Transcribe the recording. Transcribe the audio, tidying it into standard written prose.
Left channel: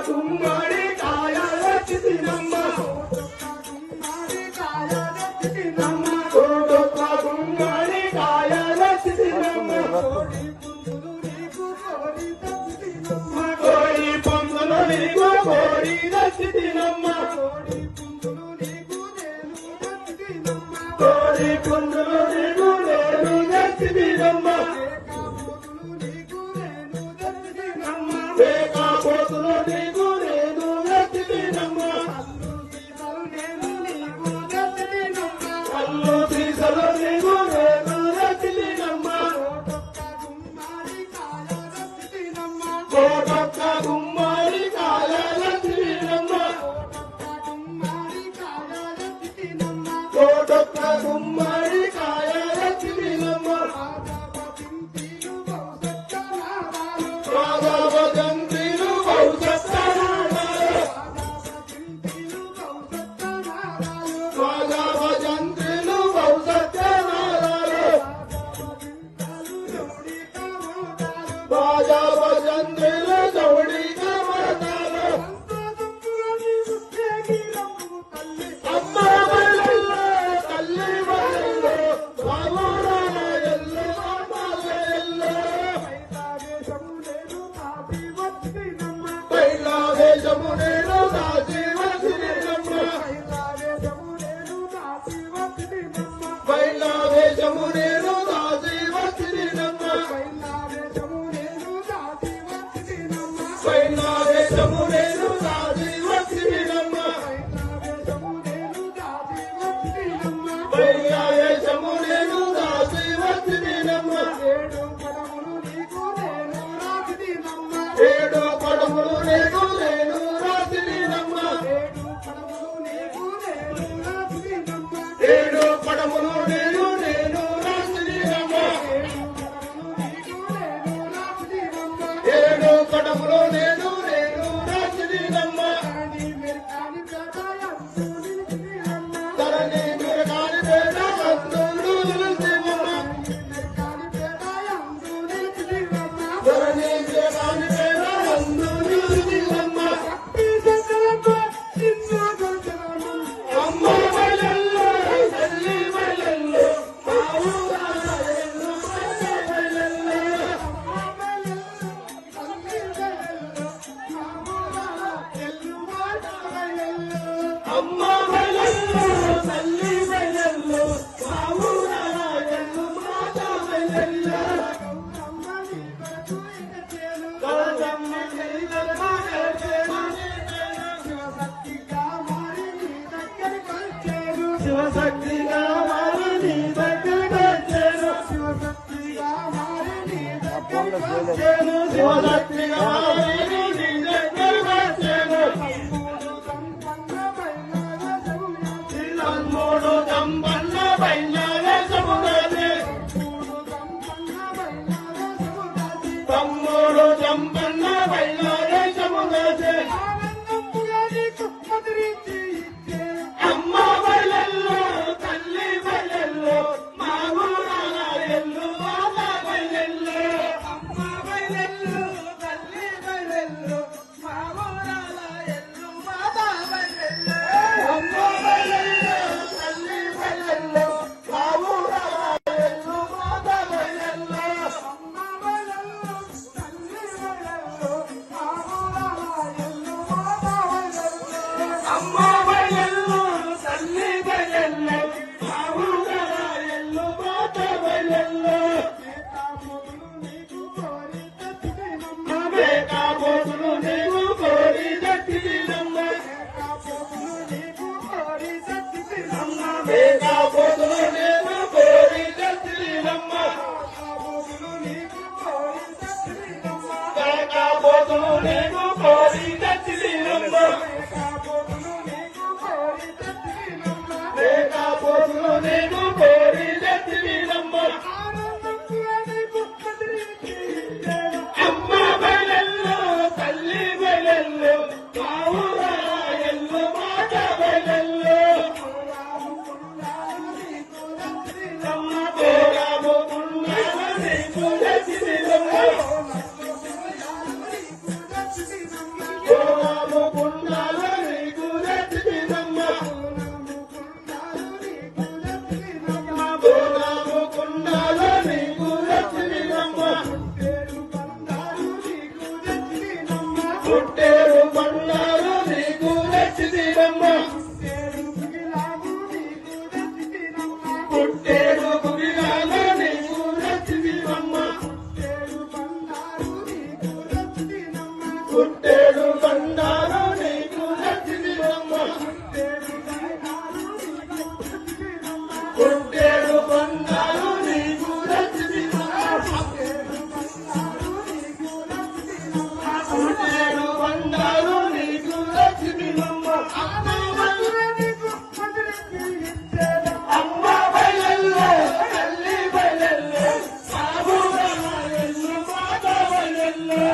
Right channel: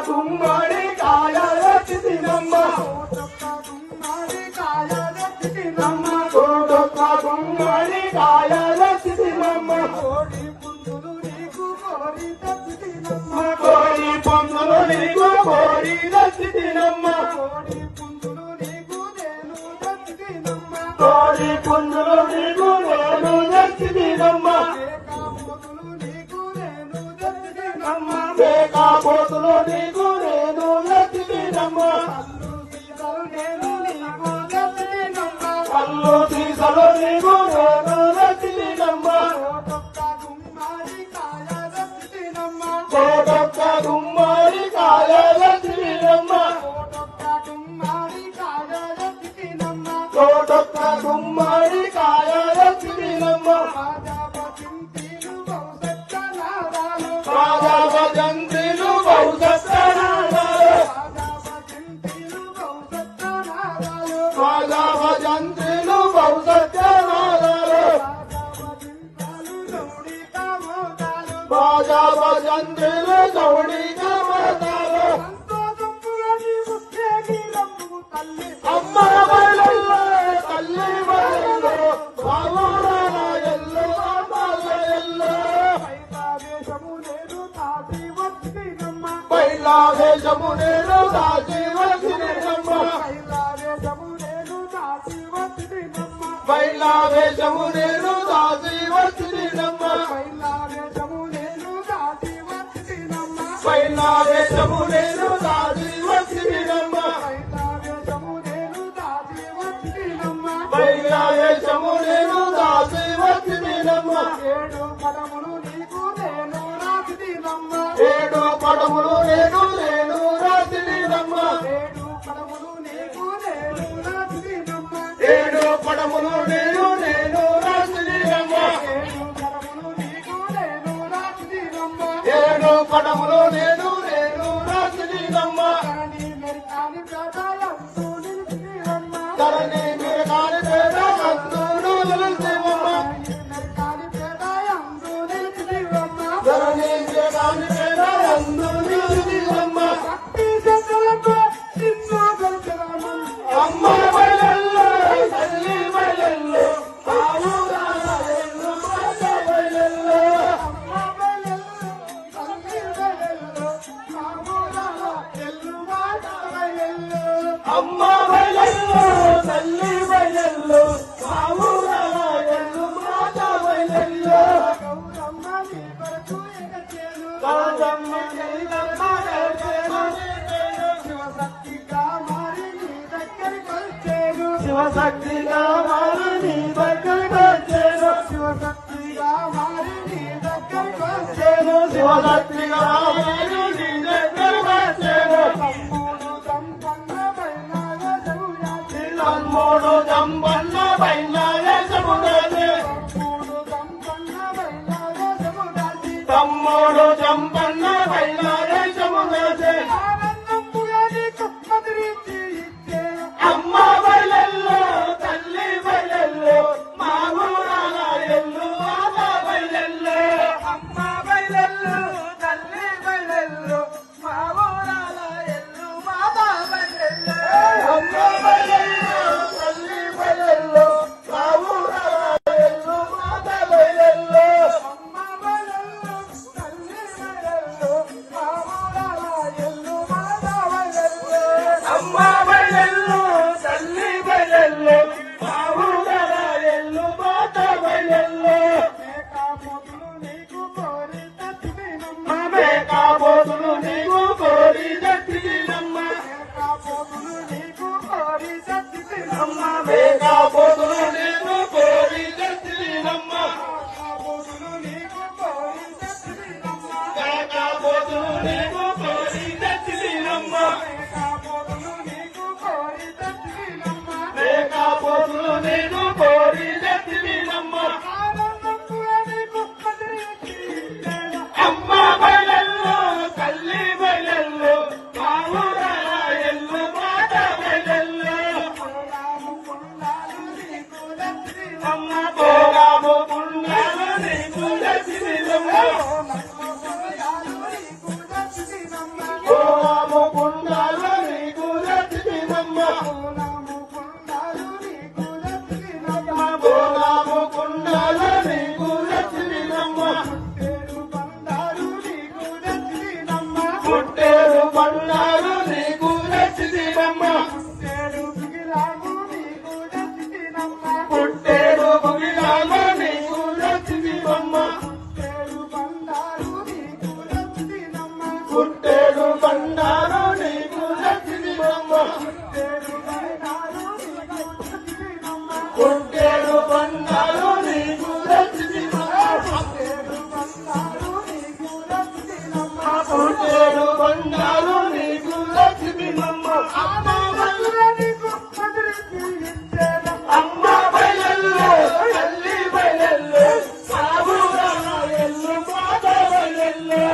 గుమ్మడి కాయల చితినమ్మ కోడొక్క గుమ్మడి కాయల చితినమ్మ కోడి పొందులు నీకు కోడి చితినమ్మ కోడి పొందులు నీకు నేను చితినమ్మ పోతులు నీకు నేను నచ్చినమ్మ కళ్ళు సీసలు నీకు నేను నచ్చినమ్మ కోటొక్క గుమ్మడి కాయ నచ్చినమ్మ కోటొక్క గుమ్మడి కాయ నచ్చినమ్మ జమునేను దాచి వచ్చినమ్మ బైలావే జమునేను దాచి వచ్చినమ్మ బైలావే జమునేను దాచి వచ్చినమ్మ బైలావే జమునేను దాచి వచ్చినమ్మ ఏడు పడములు నీకు నేను రాసినమ్మ ఏడు పడములు నీకు నేను రాసినమ్మ ఏడు పడములు నేను నేను రాసినమ్మ ఏడు పడములు నేను నేను రాసినమ్మ ధరణి మీరు కాని పేద అందును నిలిచివమ్మ ధరణి మీరు కాని పేద అందు నిలిచివమ్మ అమ్మ బయలెల్లో తల్లి బయలెల్లో అమ్మ బయలెల్లో తల్లి బయలెల్లో బావురాల ఎల్లు మాట బయలెల్లో గౌరమ్మ నీలమ్మ శివశక్తిగా మారి నీ దగ్గరికి వచ్చేను శివశక్తిగా మారి నీ దగ్గరికి వచ్చేను శివశక్తిగా మారి నీ దగ్గరికి వచ్చేను శివశక్తిగా మారి నీ దగ్గరికి వచ్చేను తమ్ముడు దంపన్న బయలాగే జమునాదే తమ్ముడు దంపన్న బయలాగే జమునాదే అమ్మ బయలెల్లో తల్లి బయలెల్లో మా ఊరాల ఎల్లు బాబా బయలెల్లో అమ్మ బయలెల్లో తల్లి బయలెల్లో మా ఊరాల ఎల్లు బాబా బయలెల్లో అమ్మ బయలెల్లో తల్లి బయలెల్లో మా ఊరాల ఎల్లు బాబా బయలెల్లో అమ్మ బయలెల్లో తల్లి బయలెల్లో నీకు లక్ష్మీనమ్మ ఓనాము కుండాలు నీకు లక్ష్మీనమ్మ ఓనాము కుండాలు నీకు లక్ష్మీనమ్మ పుట్టేరు బండారు నీకు లక్ష్మీనమ్మ పుట్టేరు బుగిలాలు నీకు లక్ష్మీనమ్మ పుట్టేరు బండారు నీకు లక్ష్మీనమ్మ పుట్టేరు బండారు నీకు లక్ష్మీనమ్మ పుట్టేరు బండారు నీకు లక్ష్మీనమ్మ అమ్మ బయలెల్లే ఎల్లి బయలెల్లే సాబుగా ఎల్లు మాట బయలెల్లే